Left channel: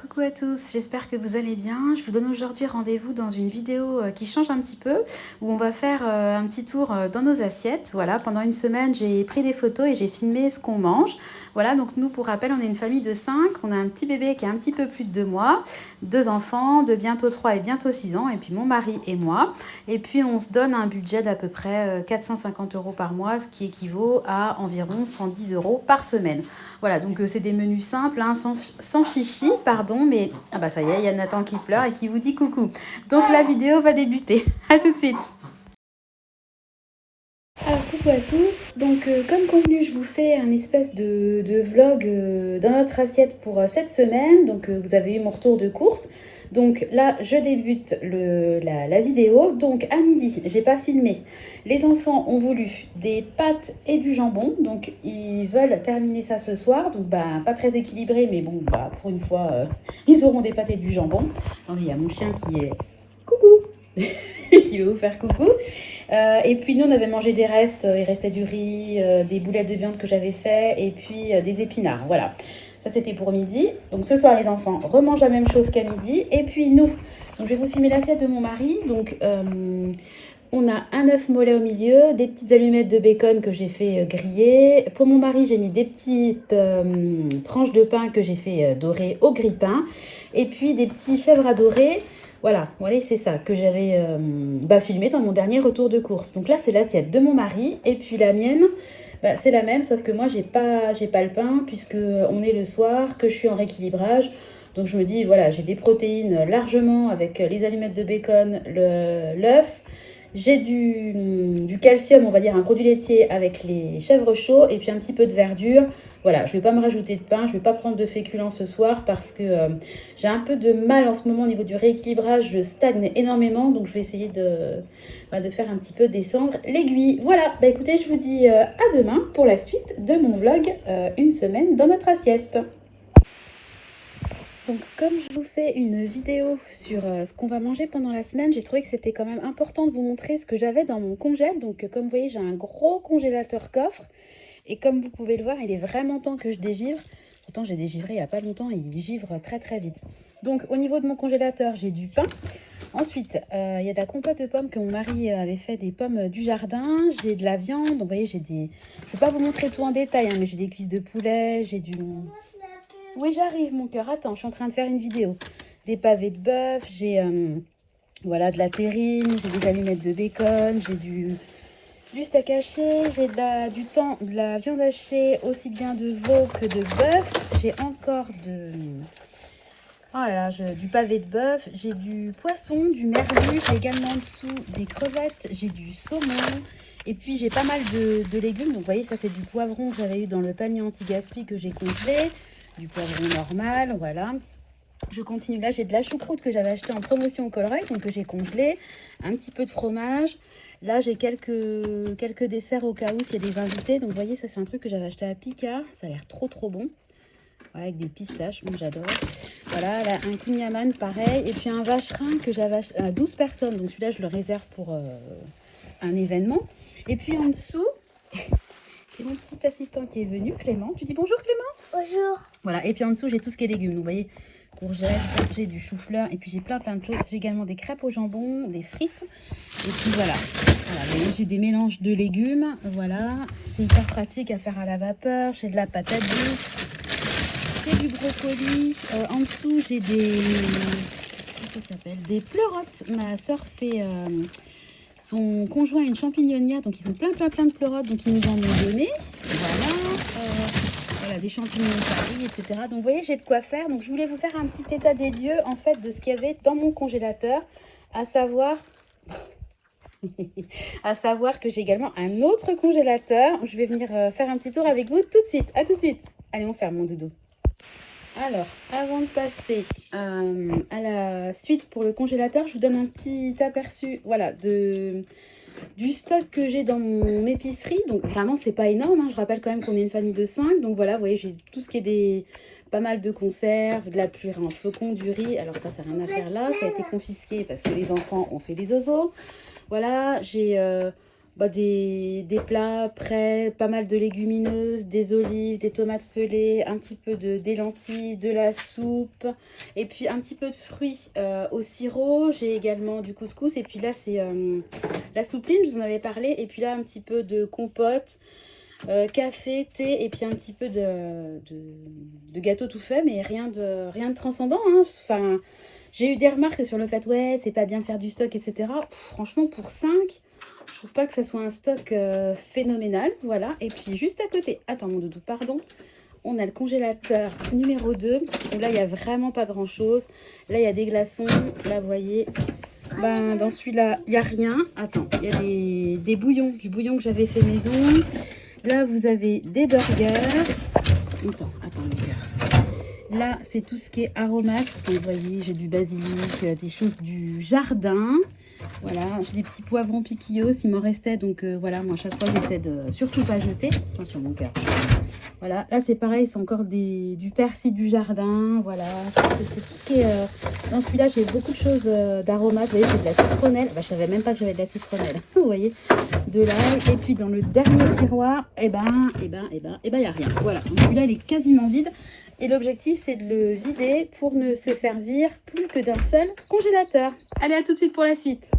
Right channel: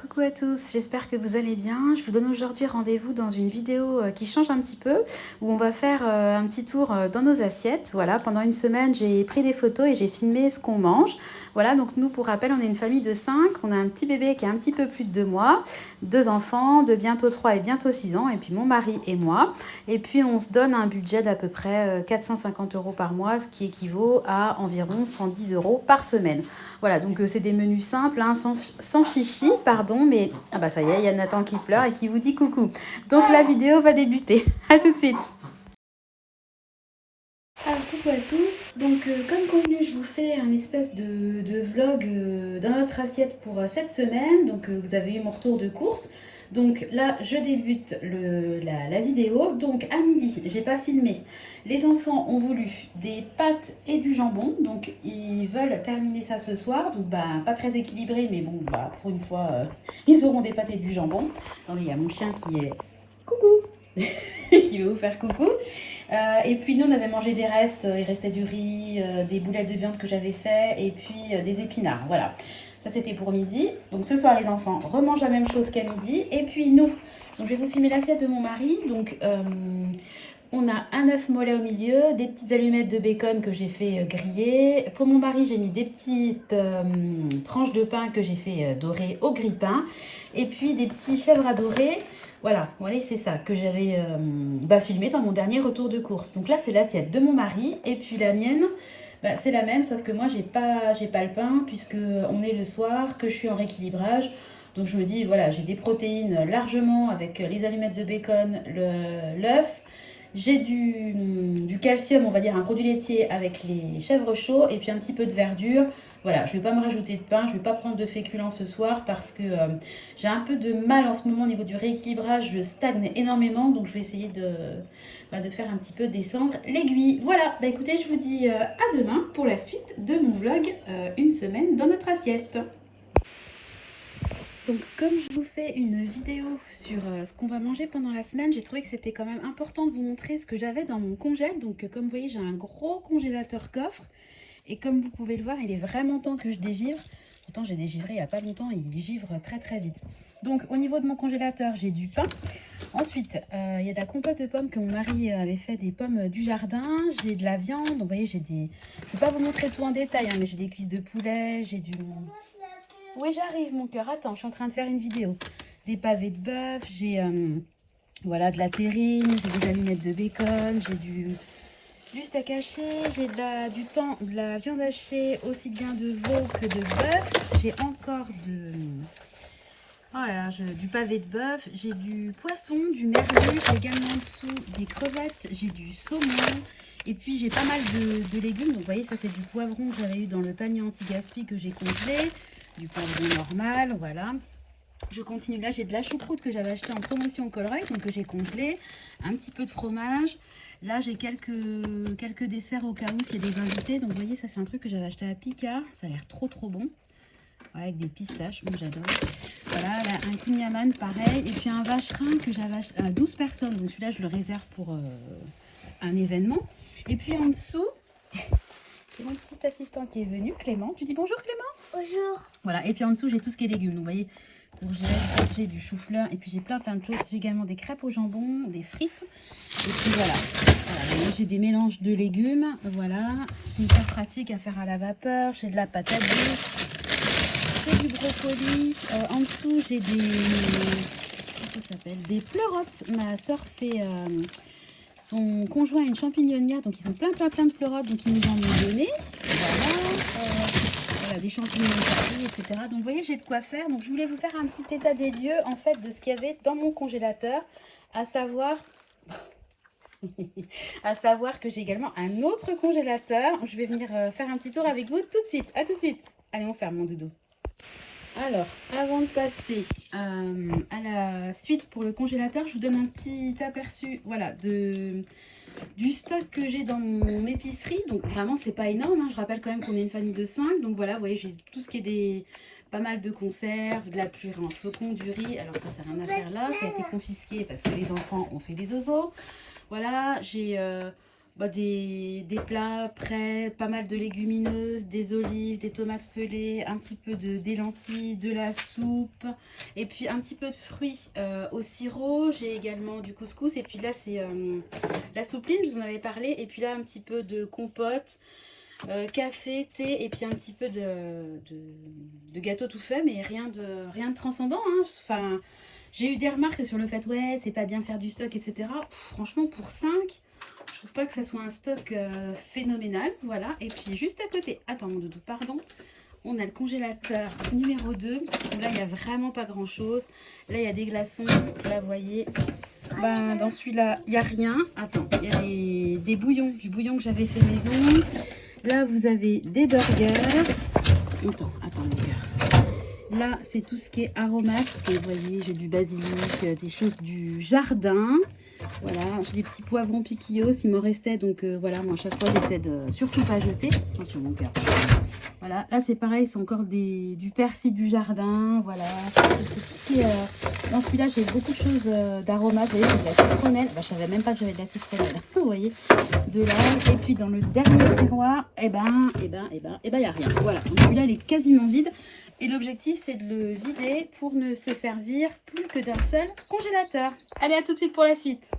Coucou à tous, j'espère que vous allez bien. Je vous donne aujourd'hui rendez-vous dans une vidéo qui change un petit peu, où on va faire un petit tour dans nos assiettes. Voilà, pendant une semaine, j'ai pris des photos et j'ai filmé ce qu'on mange. Voilà, donc nous, pour rappel, on est une famille de 5. On a un petit bébé qui a un petit peu plus de 2 mois, 2 enfants de bientôt 3 et bientôt 6 ans, et puis mon mari et moi. Et puis, on se donne un budget d'à peu près 450 euros par mois, ce qui équivaut à environ 110 euros par semaine. Voilà, donc c'est des menus simples, hein, sans chichi, pardon, mais ah bah ça y est, il y a Nathan qui pleure et qui vous dit coucou. Donc la vidéo va débuter. À tout de suite. Alors coucou à tous, donc comme convenu je vous fais un espèce de vlog dans notre assiette pour cette semaine, donc vous avez eu mon retour de course, donc là je débute la vidéo, donc à midi j'ai pas filmé, les enfants ont voulu des pâtes et du jambon, donc ils veulent terminer ça ce soir, donc bah pas très équilibré mais bon bah pour une fois ils auront des pâtes et du jambon. Attendez, il y a mon chien qui est coucou qui veut vous faire coucou. Et puis nous on avait mangé des restes, il restait du riz, des boulettes de viande que j'avais fait et puis des épinards, voilà. Ça c'était pour midi. Donc ce soir les enfants remangent la même chose qu'à midi. Et puis nous, donc je vais vous filmer l'assiette de mon mari. Donc on a un œuf mollet au milieu, des petites allumettes de bacon que j'ai fait griller. Pour mon mari, j'ai mis des petites tranches de pain que j'ai fait dorer au grille-pain. Et puis des petits chèvres à dorer. Voilà, c'est ça que j'avais filmé dans mon dernier retour de course. Donc là, c'est l'assiette de mon mari. Et puis la mienne, c'est la même, sauf que moi, j'ai pas le pain, puisque on est le soir, que je suis en rééquilibrage. Donc je me dis, voilà, j'ai des protéines largement avec les allumettes de bacon, l'œuf. J'ai du calcium, on va dire un produit laitier avec les chèvres chauds et puis un petit peu de verdure. Voilà, je ne vais pas me rajouter de pain, je ne vais pas prendre de féculents ce soir parce que j'ai un peu de mal en ce moment au niveau du rééquilibrage. Je stagne énormément, donc je vais essayer de faire un petit peu descendre l'aiguille. Voilà, écoutez, je vous dis à demain pour la suite de mon vlog une semaine dans notre assiette. Donc comme je vous fais une vidéo sur ce qu'on va manger pendant la semaine, j'ai trouvé que c'était quand même important de vous montrer ce que j'avais dans mon congèle. Donc comme vous voyez, j'ai un gros congélateur coffre. Et comme vous pouvez le voir, il est vraiment temps que je dégivre. Pourtant j'ai dégivré il n'y a pas longtemps et il givre très très vite. Donc au niveau de mon congélateur, j'ai du pain. Ensuite, il y a de la compote de pommes que mon mari avait fait des pommes du jardin. J'ai de la viande. Donc vous voyez, j'ai des... Je ne vais pas vous montrer tout en détail, hein, mais j'ai des cuisses de poulet, j'ai du... Oui, j'arrive, mon cœur. Attends, je suis en train de faire une vidéo. Des pavés de bœuf, j'ai voilà, de la terrine, j'ai des allumettes de bacon, j'ai du steak haché, j'ai de la viande hachée, aussi bien de veau que de bœuf. J'ai encore voilà, du pavé de bœuf, j'ai du poisson, du merlu, j'ai également en dessous des crevettes, j'ai du saumon. Et puis j'ai pas mal de légumes. Donc vous voyez, ça c'est du poivron que j'avais eu dans le panier anti-gaspi que j'ai congelé. Du poivron normal, voilà. Je continue, là j'ai de la choucroute que j'avais acheté en promotion au Colruyt, donc que j'ai congelé. Un petit peu de fromage. Là j'ai quelques desserts au cas où s'il y a des invités. Donc vous voyez, ça c'est un truc que j'avais acheté à Picard. Ça a l'air trop bon. Voilà, avec des pistaches, moi j'adore. Voilà, là, un kouign-amann pareil. Et puis un vacherin que j'avais acheté à 12 personnes. Donc celui-là je le réserve pour un événement. Et puis en dessous, j'ai mon petit assistant qui est venu, Clément. Tu dis bonjour Clément? Bonjour. Voilà, et puis en dessous j'ai tout ce qui est légumes. Donc vous voyez, courgettes, j'ai du chou-fleur et puis j'ai plein de choses. J'ai également des crêpes au jambon, des frites. Et puis voilà, j'ai des mélanges de légumes. Voilà, c'est hyper pratique à faire à la vapeur. J'ai de la patate, j'ai du brocoli. En dessous j'ai des pleurotes. Ma soeur fait... son conjoint a une champignonnière, donc ils ont plein de pleurotes, donc ils nous en ont donné. Voilà, des champignons paris, etc. Donc vous voyez, j'ai de quoi faire. Donc je voulais vous faire un petit état des lieux en fait de ce qu'il y avait dans mon congélateur, à savoir que j'ai également un autre congélateur. Je vais venir faire un petit tour avec vous tout de suite. À tout de suite. Allez, on ferme mon doudou. Alors, avant de passer à la suite pour le congélateur, je vous donne un petit aperçu, voilà, du stock que j'ai dans mon épicerie. Donc vraiment, c'est pas énorme, hein. Je rappelle quand même qu'on est une famille de 5. Donc voilà, vous voyez, j'ai tout ce qui est pas mal de conserves, de la purée en flocons, du riz. Alors ça, c'est rien à faire là. Ça a été confisqué parce que les enfants ont fait des oiseaux. Voilà, j'ai des plats prêts, pas mal de légumineuses, des olives, des tomates pelées, un petit peu des lentilles, de la soupe, et puis un petit peu de fruits au sirop. J'ai également du couscous, et puis là c'est la soupline, je vous en avais parlé, et puis là un petit peu de compote, café, thé, et puis un petit peu de gâteau tout fait, mais rien de transcendant, hein. Enfin, j'ai eu des remarques sur le fait, ouais, c'est pas bien de faire du stock, etc. Pff, franchement, pour 5, je trouve pas que ça soit un stock phénoménal. Voilà. Et puis juste à côté, attends mon doudou, pardon, on a le congélateur numéro 2. Et là, il n'y a vraiment pas grand chose. Là, il y a des glaçons. Là, vous voyez, ben, dans celui-là, il n'y a rien. Attends, il y a des bouillons, du bouillon que j'avais fait maison. Là, vous avez des burgers. Attends, mon cœur. Là, c'est tout ce qui est aromates. Vous voyez, j'ai du basilic, des choses du jardin. Voilà, j'ai des petits poivrons piquillos, il m'en restait. Donc voilà, moi à chaque fois, j'essaie de surtout pas jeter. Attention, mon cœur. Voilà, là c'est pareil, c'est encore du persil du jardin. Voilà, c'est tout ce qui est... Dans celui-là, j'ai beaucoup de choses d'aromates. Vous voyez, j'ai de la citronnelle. Bah, je savais même pas que j'avais de la citronnelle. Vous voyez, de l'ail. Et puis dans le dernier tiroir, il n'y a rien. Voilà, donc celui-là, il est quasiment vide. Et l'objectif, c'est de le vider pour ne se servir plus que d'un seul congélateur. Allez, à tout de suite pour la suite.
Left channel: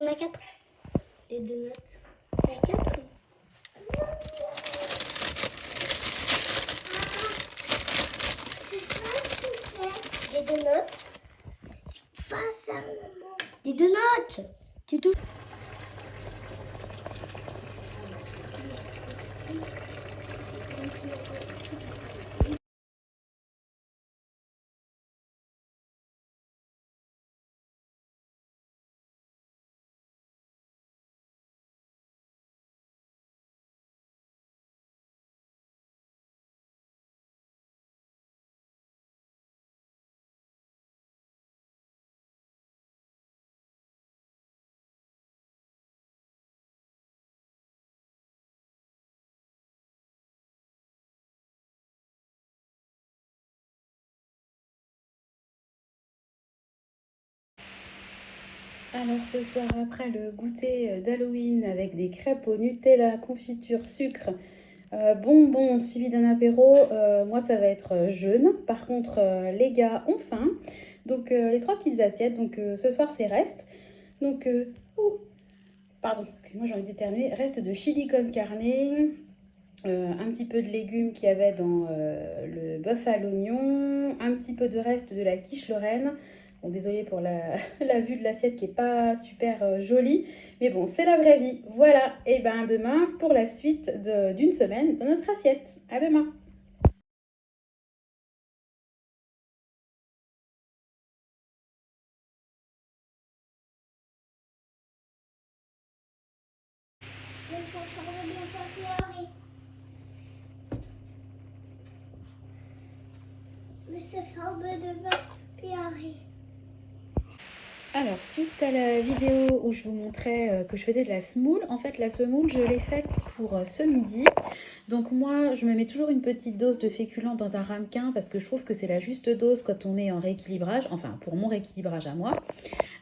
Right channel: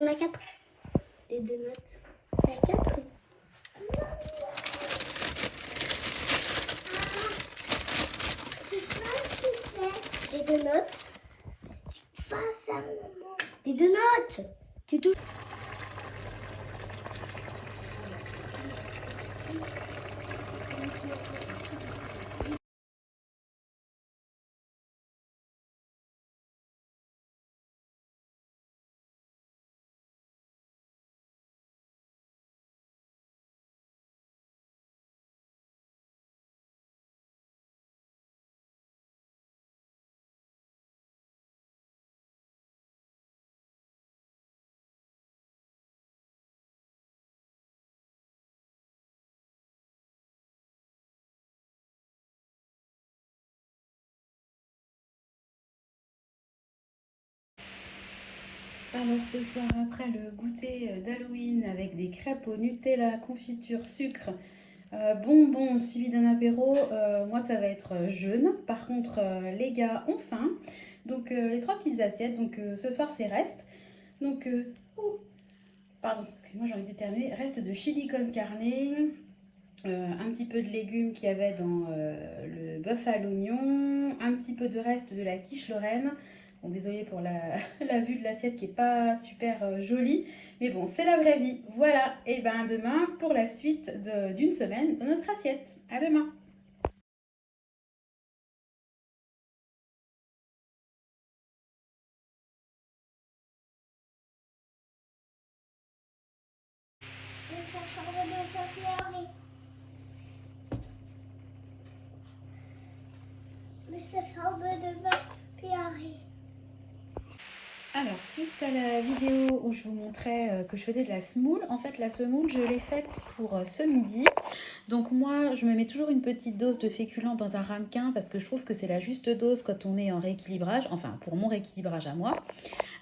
On a 4. Les deux notes. On a 4. Les deux notes. Face à maman. Les deux notes. Tu touches. Alors ce soir, après le goûter d'Halloween avec des crêpes au Nutella, confiture, sucre, bonbons suivi d'un apéro, moi ça va être jeûne. Par contre, les gars ont faim. Donc les trois petites assiettes, donc ce soir c'est reste. Donc, pardon, excuse-moi, j'ai envie d'éternuer. Reste de chili con carne, un petit peu de légumes qu'il y avait dans le bœuf à l'oignon, un petit peu de reste de la quiche Lorraine. Bon, désolée pour la vue de l'assiette qui est pas super jolie, mais bon, c'est la vraie vie. Voilà, et ben demain pour la suite d'une semaine dans notre assiette. À demain. Mais ça semble bien faire pleurer. Mais ça semble de faire pleurer. Alors, suite à la vidéo où je vous montrais que je faisais de la semoule, en fait la semoule je l'ai faite pour ce midi. Donc moi je me mets toujours une petite dose de féculents dans un ramequin parce que je trouve que c'est la juste dose quand on est en rééquilibrage, enfin pour mon rééquilibrage à moi.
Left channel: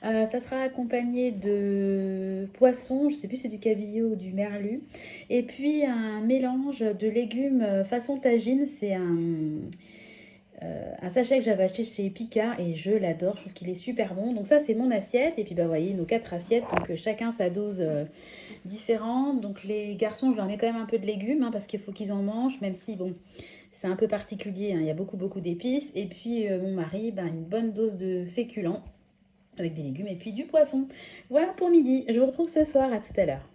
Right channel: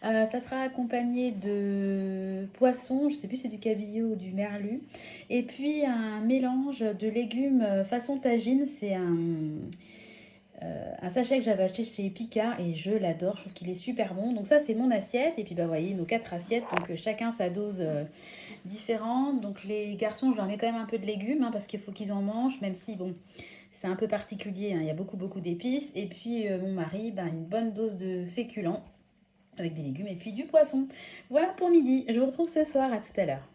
Ça sera accompagné de poisson, je sais plus si c'est du cabillaud ou du merlu. Et puis un mélange de légumes façon tagine, c'est un sachet que j'avais acheté chez Picard et je l'adore, je trouve qu'il est super bon. Donc ça c'est mon assiette et puis bah vous voyez nos 4 assiettes, donc chacun sa dose différente. Donc les garçons je leur mets quand même un peu de légumes hein, parce qu'il faut qu'ils en mangent, même si bon c'est un peu particulier, hein, il y a beaucoup d'épices. Et puis mon mari, bah, une bonne dose de féculents avec des légumes et puis du poisson. Voilà pour midi, je vous retrouve ce soir, à tout à l'heure.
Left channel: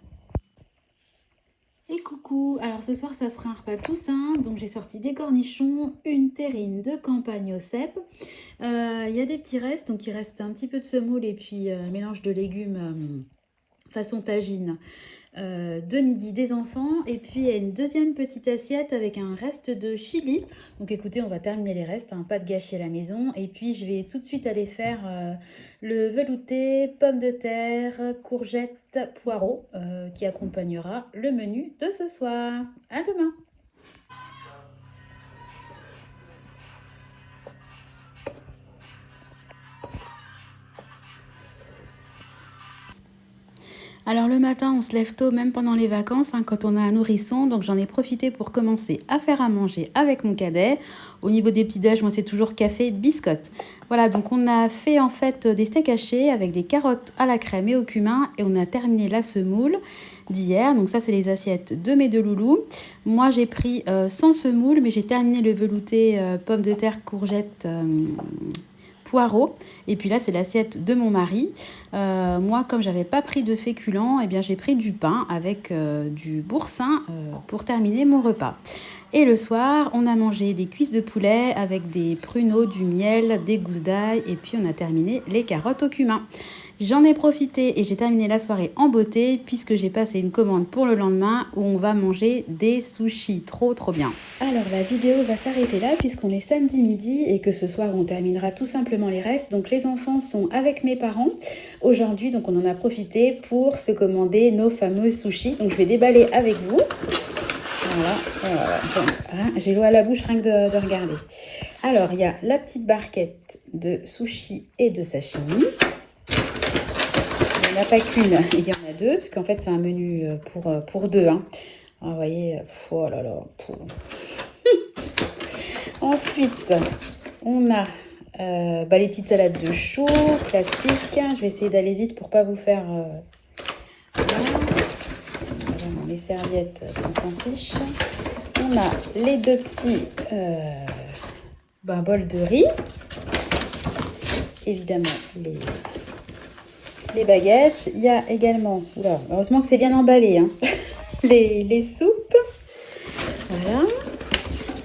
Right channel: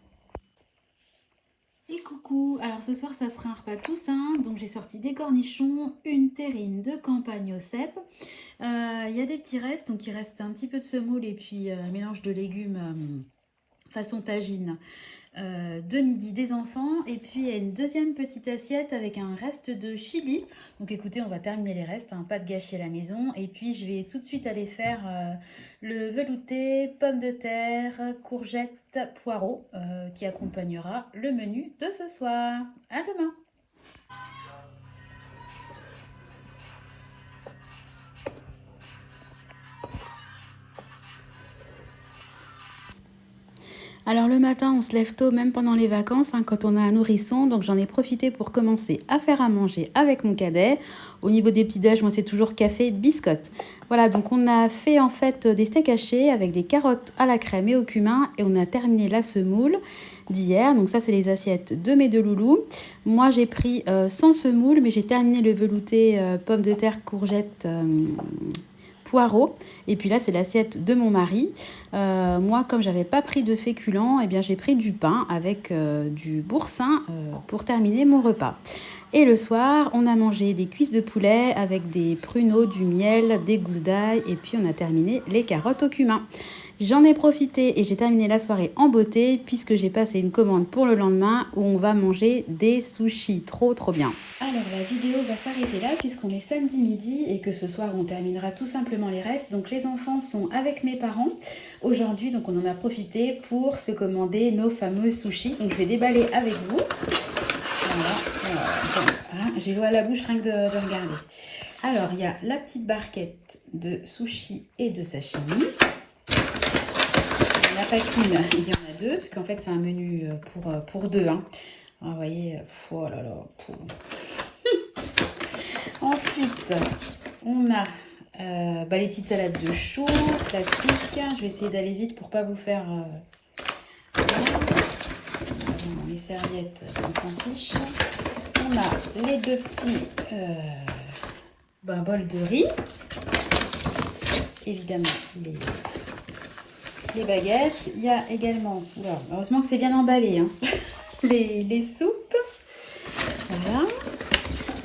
Et coucou, alors ce soir ça sera un repas tout simple, donc j'ai sorti des cornichons, une terrine de campagne au cèpe. Il y a des petits restes, donc il reste un petit peu de semoule et puis mélange de légumes façon tagine de midi des enfants. Et puis il y a une deuxième petite assiette avec un reste de chili. Donc écoutez, on va terminer les restes, hein, pas de gâcher à la maison. Et puis je vais tout de suite aller faire le velouté, pommes de terre, courgettes, poireaux qui accompagnera le menu de ce soir. À demain! Alors le matin, on se lève tôt, même pendant les vacances, hein, quand on a un nourrisson. Donc j'en ai profité pour commencer à faire à manger avec mon cadet. Au niveau des petits-déj, moi c'est toujours café, biscotte. Voilà, donc on a fait en fait des steaks hachés avec des carottes à la crème et au cumin. Et on a terminé la semoule d'hier. Donc ça c'est les assiettes de mes deux loulous. Moi j'ai pris sans semoule, mais j'ai terminé le velouté pommes de terre, courgettes... poireaux. Et puis là, c'est l'assiette de mon mari. Moi, comme j'avais pas pris de féculents, eh bien, j'ai pris du pain avec du boursin pour terminer mon repas. Et le soir, on a mangé des cuisses de poulet avec des pruneaux, du miel, des gousses d'ail. Et puis, on a terminé les carottes au cumin. J'en ai profité et j'ai terminé la soirée en beauté puisque j'ai passé une commande pour le lendemain où on va manger des sushis. Trop bien. Alors la vidéo va s'arrêter là puisqu'on est samedi midi et que ce soir on terminera tout simplement les restes. Donc les enfants sont avec mes parents aujourd'hui, donc on en a profité pour se commander nos fameux sushis. Donc je vais déballer avec vous. Voilà. Hein, j'ai l'eau à la bouche rien que de regarder. Alors il y a la petite barquette de sushis et de sashimi. Il n'y en a pas qu'une, il y en a deux, parce qu'en fait c'est un menu pour deux. Hein. Ah, vous voyez, oh là là. Ensuite, on a les petites salades de choux, classiques. Je vais essayer d'aller vite pour ne pas vous faire... les serviettes, on s'en fiche. On a les deux petits bols de riz. Évidemment, les baguettes. Il y a également, heureusement que c'est bien emballé, hein, les soupes. Voilà.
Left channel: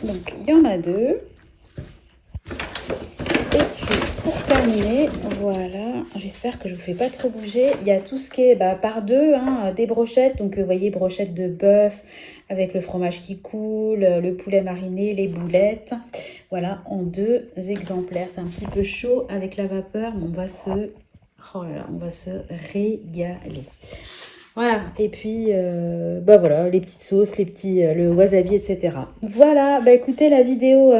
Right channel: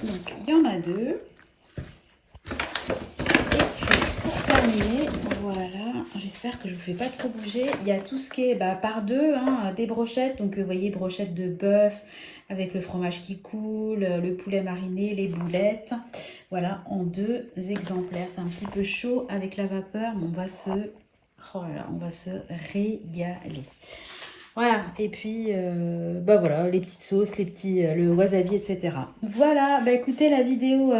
Donc, il y en a deux. Et puis, pour terminer, voilà, j'espère que je ne vous fais pas trop bouger. Il y a tout ce qui est par deux, hein, des brochettes. Donc, vous voyez, brochettes de bœuf avec le fromage qui coule, le poulet mariné, les boulettes. Voilà, en deux exemplaires. C'est un petit peu chaud avec la vapeur, mais on va se régaler. Voilà, et puis, voilà, les petites sauces, le wasabi, etc. Voilà, écoutez, la vidéo,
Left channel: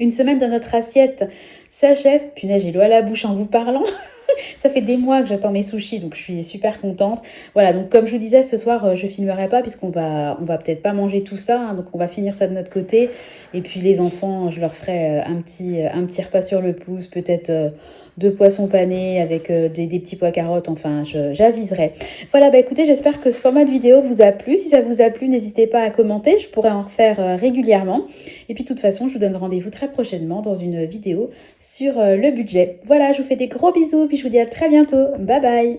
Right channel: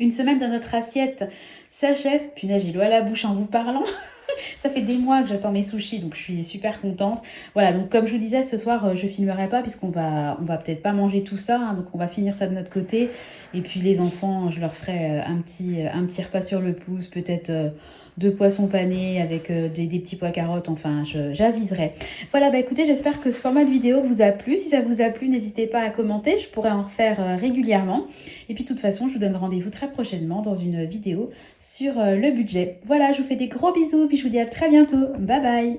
une semaine dans notre assiette s'achève. Punaise, j'ai l'eau à la bouche en vous parlant. Ça fait des mois que j'attends mes sushis, donc je suis super contente. Voilà, donc comme je vous disais, ce soir, je filmerai pas, puisqu'on va peut-être pas manger tout ça, hein, donc on va finir ça de notre côté. Et puis les enfants, je leur ferai un petit repas sur le pouce, peut-être... de poissons panés avec des petits pois carottes, enfin j'aviserai. Voilà, écoutez, j'espère que ce format de vidéo vous a plu. Si ça vous a plu, n'hésitez pas à commenter, je pourrais en refaire régulièrement. Et puis de toute façon, je vous donne rendez-vous très prochainement dans une vidéo sur le budget. Voilà, je vous fais des gros bisous, puis je vous dis à très bientôt. Bye bye!